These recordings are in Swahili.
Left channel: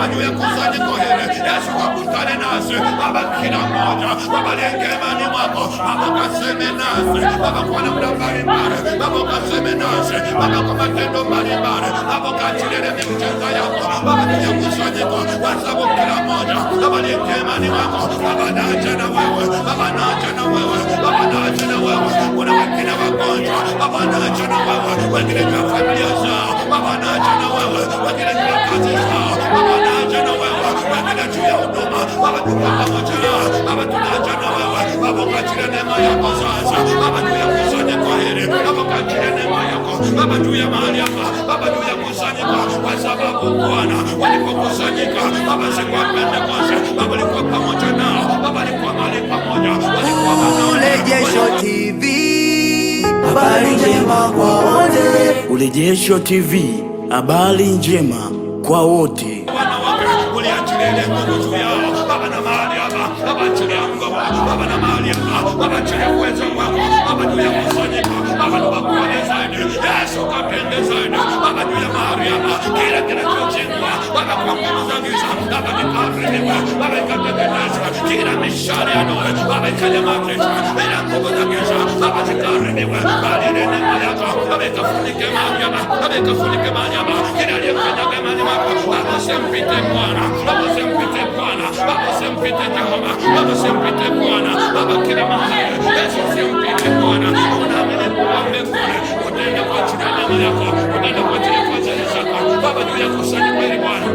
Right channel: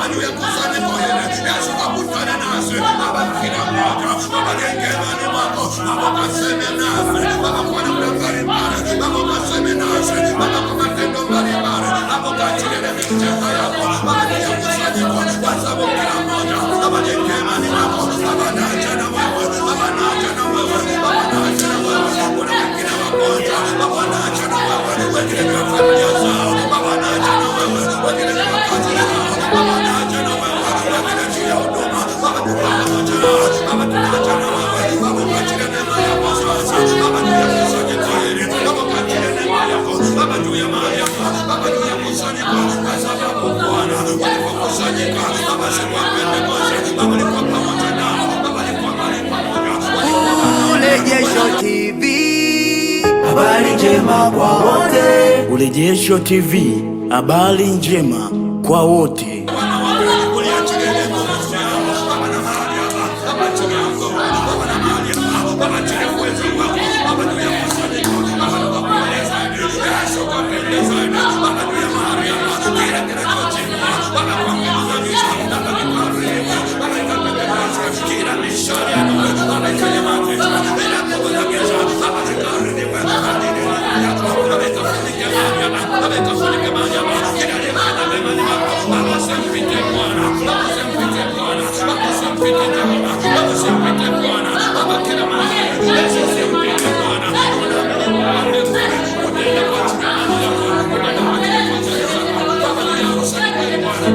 Baba juu ya kusanyiko hili, Yesu kakutane nasi Baba, kila mmoja Baba liengemani mwako Baba, ukaseme nasi Baba kwa namna mbalimbali Baba, ukaseme nasi Baba kwa matendo mbalimbali Baba, ukaachilie miujiza yako Baba juu ya kusanyiko, kwa sababu kila mmoja Baba liengemani mwako Baba, naja na wewe Baba, naja na wewe Baba, naja na wewe. Kuna wengine wagonjwa Baba, naja na wewe, wengine juu ya familia zao Baba, naja na wewe, wengine juu ya kazi zao Baba, naja na wewe, wengine juu ya huduma Baba, tuko pamoja nao Baba, tunaja na wewe Baba, ukaachilie neema yako sasa Baba juu ya kusanyiko hili Baba, ukaachilie neema yako Baba juu ya mahali hapa Baba, juu ya kusanyiko, kwa sababu Bwana walipokusanyika Baba siku ya Pentekoste Baba alikuwa pamoja nao Baba, alikuwa mahali pamoja. Urejesho TV, habari njema kwa wote. Urejesho TV, habari njema kwa wote. Wanawake uliachilia nguvu juu yao Baba, na mahali hapa Baba, achilia nguvu Baba, na mahali hapa Baba, achilia uwezo wako Baba juu ya kusanyika Baba, tukakuone zaidi Yesu, kapende zaidi Baba juu ya mahali hapa, kila kinachochingwa Baba kwa nguvu za giza Baba kikaribiwe Baba, ikateketezwe kila mishale ya adui Baba, ikanyamazishwe bila nguvu za giza Baba, zikaribiwe bali neema yako Baba, ikafunike mahali hapa Baba, ikafunike mahali hapa, kila aliyefanya mema ni wako Baba, usimpite Bwana Baba, usimpite Bwana Baba, usimpite Jehova Baba, usimpite Bwana Baba, kila mahali Yesu, usimpite Bwana. Unaamini Mungu mbinguni utaenda kwa ajili ya neema yako, utaenda kwa ajili ya fadhili zako Baba juu ya kusanyiko hili Bwana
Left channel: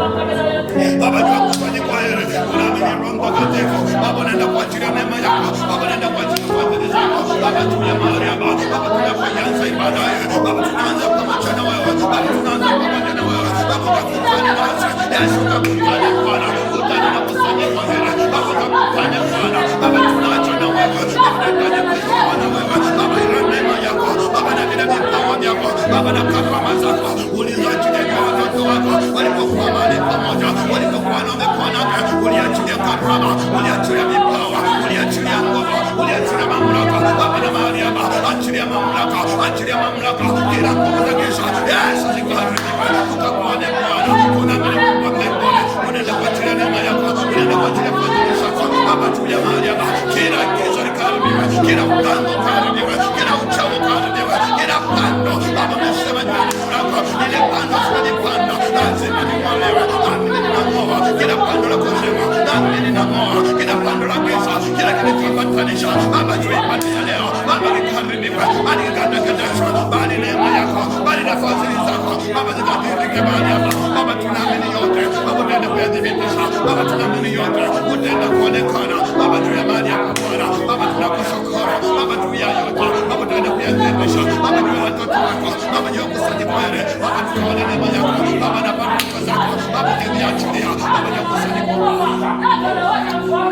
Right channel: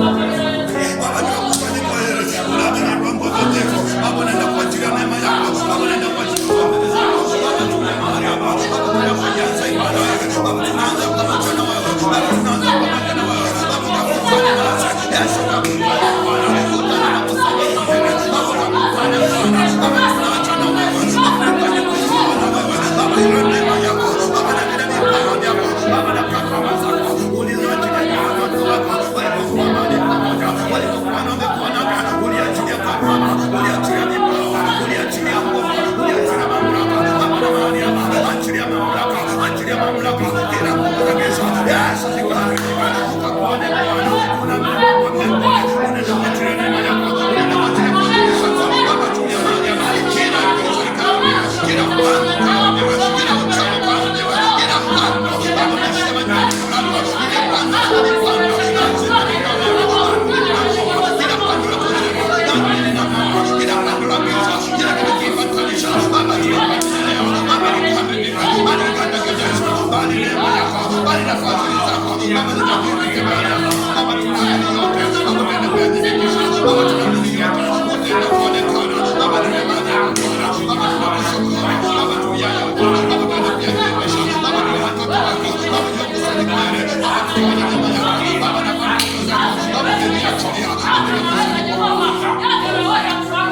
Baba, juu ya kusanyiko hili unaamini Roho Mtakatifu Baba, unaenda kwa ajili ya neema yako Baba, unaenda kwa ajili ya fadhili zako Baba, juu ya mahali hapa Baba, tunapoanza ibada hii Baba, tunaanza pamoja na wewe Baba, tunaanza pamoja na wewe Baba, kakutane nasi Yesu, kakutane Bwana, kutana na kusanyiko hili Baba, kakutane Bwana Baba, tunaacha na wewe Baba, tunataka kusiwa na wewe Baba, ile neema yako Baba, na vile vipawa vyako Baba, na karama zako ulizoachilia juu ya watoto wako walipokuwa mahali pamoja, walipokuwa na mikono yako, uliachilia karama, uliachilia vipawa, uliachilia nguvu, uliachilia mamlaka Baba, na mahali hapa achilia mamlaka, achilia mamlaka, kila nguvu za giza Yesu zikaharibiwe, tukakuone Bwana. Unaamini Mungu wa mbinguni unaenda kwa ajili ya neema yako, unaenda kwa ajili ya fadhili zako Baba, juu ya mahali hapa kila giza likaharibiwe, kila upando ukaharibiwe, kila uchawi ukaharibiwe, kila pando Baba, umesema juu ya mlango ile pando nilipanda lazima ning'olewe, nami ninang'oa kila pando la kuzimu, nami ninang'oa kila pando la giza, kila kilichoambatanisha Baba juu ya ibada ya leo Baba, likaharibiwe, bali likateketezwe, bali neema yako, bali na fadhili zako Baba zikadhihirike mahali hapa Baba, tunaamini yote Baba, utaenda kuyadhibitisha Baba, tunaamini yote utaenda kuonekana Baba juu ya mahali hapa Bwana Baba, tunakushukuru Baba juu ya yote Baba, utaenda kuyadhibitisha Baba juu ya watoto wako Baba, juu ya kusanyiko hili Baba, tuone neema yako Baba, na baraka zako Baba, ukiniachilia Baba juu ya kusanyiko.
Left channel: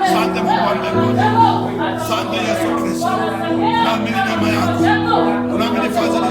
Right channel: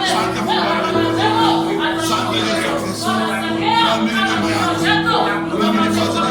Asante Mungu wa mbinguni, asante Yesu Kristo, naamini neema yako, naamini fadhili